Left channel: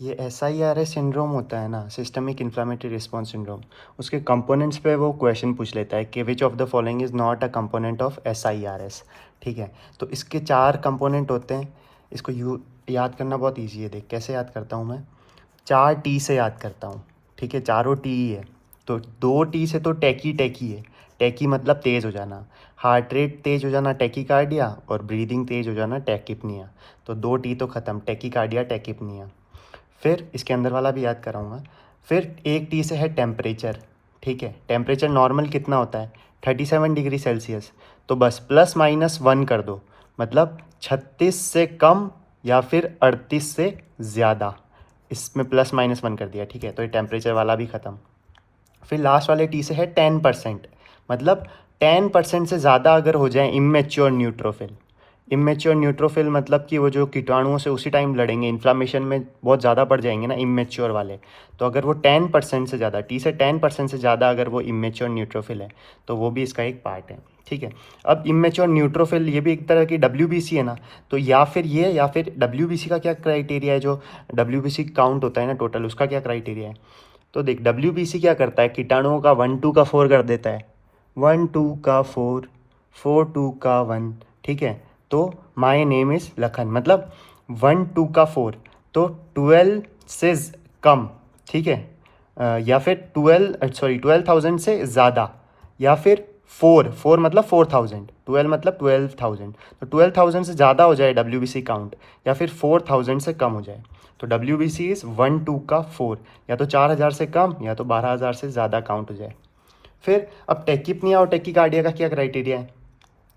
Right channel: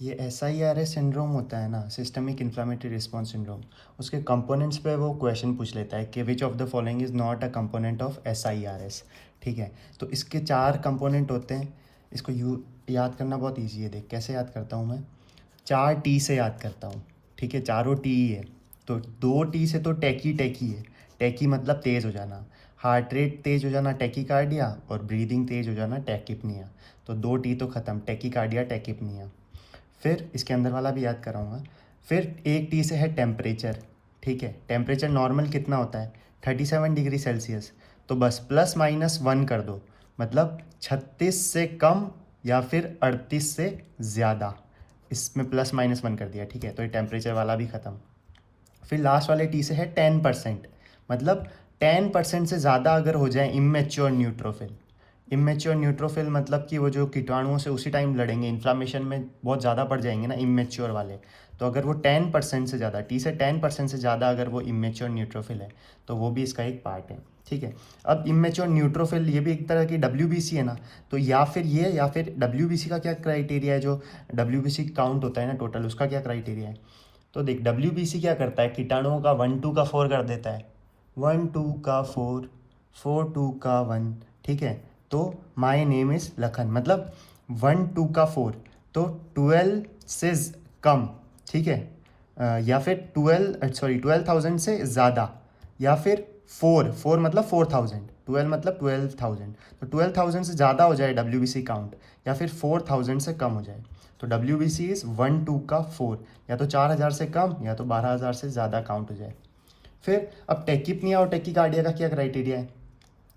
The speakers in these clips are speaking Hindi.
ये SIRS सिंड्रोम होता है ना, सिस्टमिक इन्फ्लामेटरी रिस्पॉन्स सिंड्रोम। उसके कंपोनेंट्स पे वो क्वेश्चन पूछ लेता है कि which of the following is not a component of SIRS। ठीक है, तो इसके 4 कंपोनेंट होते हैं। इसको याद करना बहुत ईजी है। देख कैसे याद करता हूँ मैं, 4T से याद करता हूँ। ठीक है, चारों T ही है। तो 2T से तो टैकी टैकी है। टैकी मतलब तेज़ हो जाना, हार्ट रेट तेज़ हो जाना टैकीकार्डिया, और ब्रीदिंग तेज़ हो जाना टैकिपनिया। तो 2T तो ख़त्म, टैकीकार्डिया टैकिपनिया। फिर इसके अंदर वाला भी याद कराऊंगा। फिर 1T से है टेम्परेचर। ठीक है, टेम्परेचर नॉर्मल कितना होता है, 37 डिग्री सेल्सियस। तो बस ±1 कर दो, मतलब 36 से कम या फिर 38 से ज़्यादा। इसमें ±1 कर दिया। ठीक है, तो ये टेम्परेचर वाला भी ख़त्म। फिर लास्ट वाले T से है 10%, मतलब 10% से ज़्यादा अगर हो जाए इमेच्योर न्यूट्रोफिल। इमेच्योर न्यूट्रोफिल मतलब कि वो जो कीटाणुओं से उसी टाइम लड़ेंगे, इन्फ्लामेशन में बहुत ज़्यादा बढ़ जाएंगे ना इमेच्योर वाले। तो अगर वो 10% से ज़्यादा, T से 10% से ज़्यादा अगर वो इमेच्योर न्यूट्रोफिल है, तो वो भी इसका एक पार्ट है। ठीक है, अब इमेच्योर न्यूट्रोफिल ये भी एक तरह की WBC है ना। तो या फिर ये या फिर WBC का क्या क्राइटेरिया है, जो WBC काउंट होता है ना टोटल, उसका क्या क्राइटेरिया है। तो देख WBC क्या करता है, कीटाणुओं का 1 2 का 4 कर देता है। 1 2 का 4, 4 2 का 1। ठीक है, तो माई नेम इज़ लखन, मतलब 1 2 का 4, तो 12 से कम। ठीक है, या फिर 12,000 से ज़्यादा, या फिर 4 4 मतलब 4,000, 12 मतलब 12,000। तो 12,000 से ज़्यादा हो जाए WBC काउंट, या फिर 4,000 से कम हो जाए। तो WBC इज़ 1 2 का 4, या तो 4,000 से कम या तो 12,000 से ज़्यादा काउंट हो जाए। फिर अब टेकिपनिया और टेकिकार्डिया का क्या क्राइटेरिया है।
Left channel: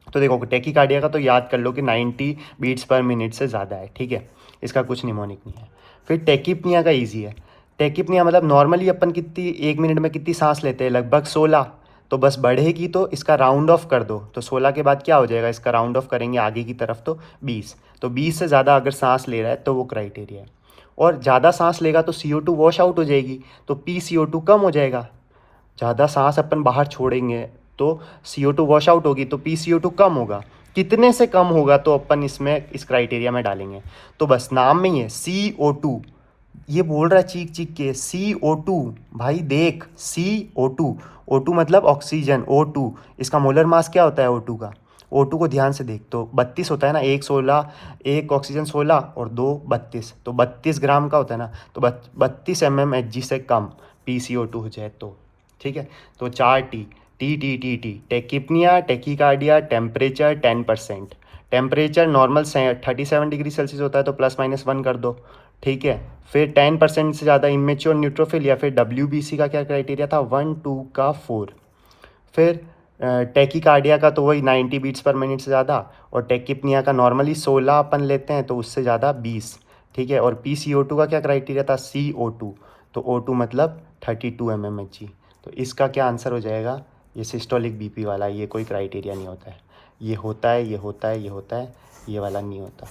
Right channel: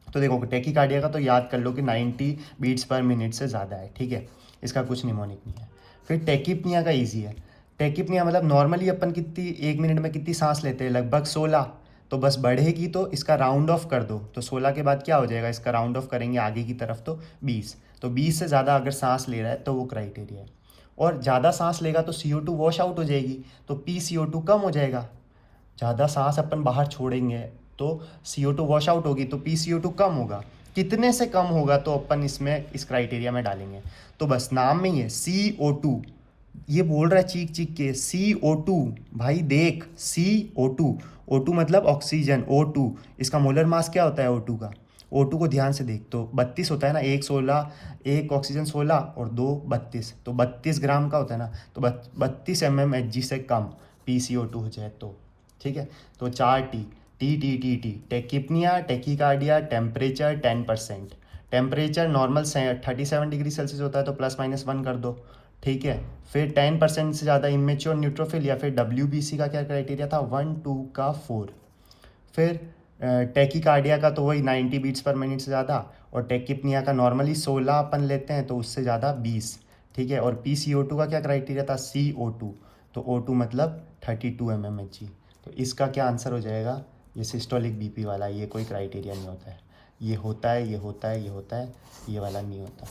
तो देखो टेकिकार्डिया का तो याद कर लो कि 90 बीट्स पर मिनट से ज़्यादा है। ठीक है, इसका कुछ निमोनिक नहीं है। फिर टेकिपनिया का ईजी है। टेकिपनिया मतलब नॉर्मली अपन कितनी 1 मिनट में कितनी सांस लेते हैं, लगभग 16। तो बस बढ़ेगी तो इसका राउंड ऑफ कर दो, तो 16 के बाद क्या हो जाएगा, इसका राउंड ऑफ करेंगे आगे की तरफ तो 20। तो 20 से ज़्यादा अगर सांस ले रहा है तो वो क्राइटेरिया है। और ज़्यादा सांस लेगा तो CO2 वॉश आउट हो जाएगी, तो PCO2 कम हो जाएगा। ज़्यादा सांस अपन बाहर छोड़ेंगे तो CO2 वॉश आउट होगी, तो PCO2 कम होगा। कितने से कम होगा तो अपन इसमें इस क्राइटेरिया में डालेंगे। तो बस नाम में ही है CO2। ये बोल रहा है चीख चीख के CO2। भाई देख CO2, O2 मतलब ऑक्सीजन, O2 इसका मोलर मास क्या होता है O2 का। O2 को ध्यान से देख, तो 32 होता है ना, 1 16, एक ऑक्सीजन 16 और 2 32, तो 32 ग्राम का होता है ना। तो 32 mmHg से कम PCO2 हो जाए तो। ठीक है, तो 4T, T tachypnoea, tachycardia, temperature 10%। Temperature normal 37 degree Celsius होता है, तो ±1 कर दो। ठीक है, फिर 10% से ज़्यादा इमेच्योर न्यूट्रोफिल, या फिर WBC का क्या क्राइटेरिया था, 1 2 का 4। फिर टेकिकार्डिया का तो वही 90 बीट्स पर मिनट से ज़्यादा, और टेकिपनिया का नॉर्मली 16 अपन लेते हैं, तो उससे ज़्यादा 20। ठीक है, और PCO2 का क्या क्राइटेरिया था, CO2। तो O2 मतलब 32 mmHg। तो इसका क्या आंसर हो जाएगा, ये सिस्टोलिक BP वाला, ये कोई क्राइटेरिया नहीं होता है। ये होता है, ये होता है, ये होता है, ये वाला नहीं होता।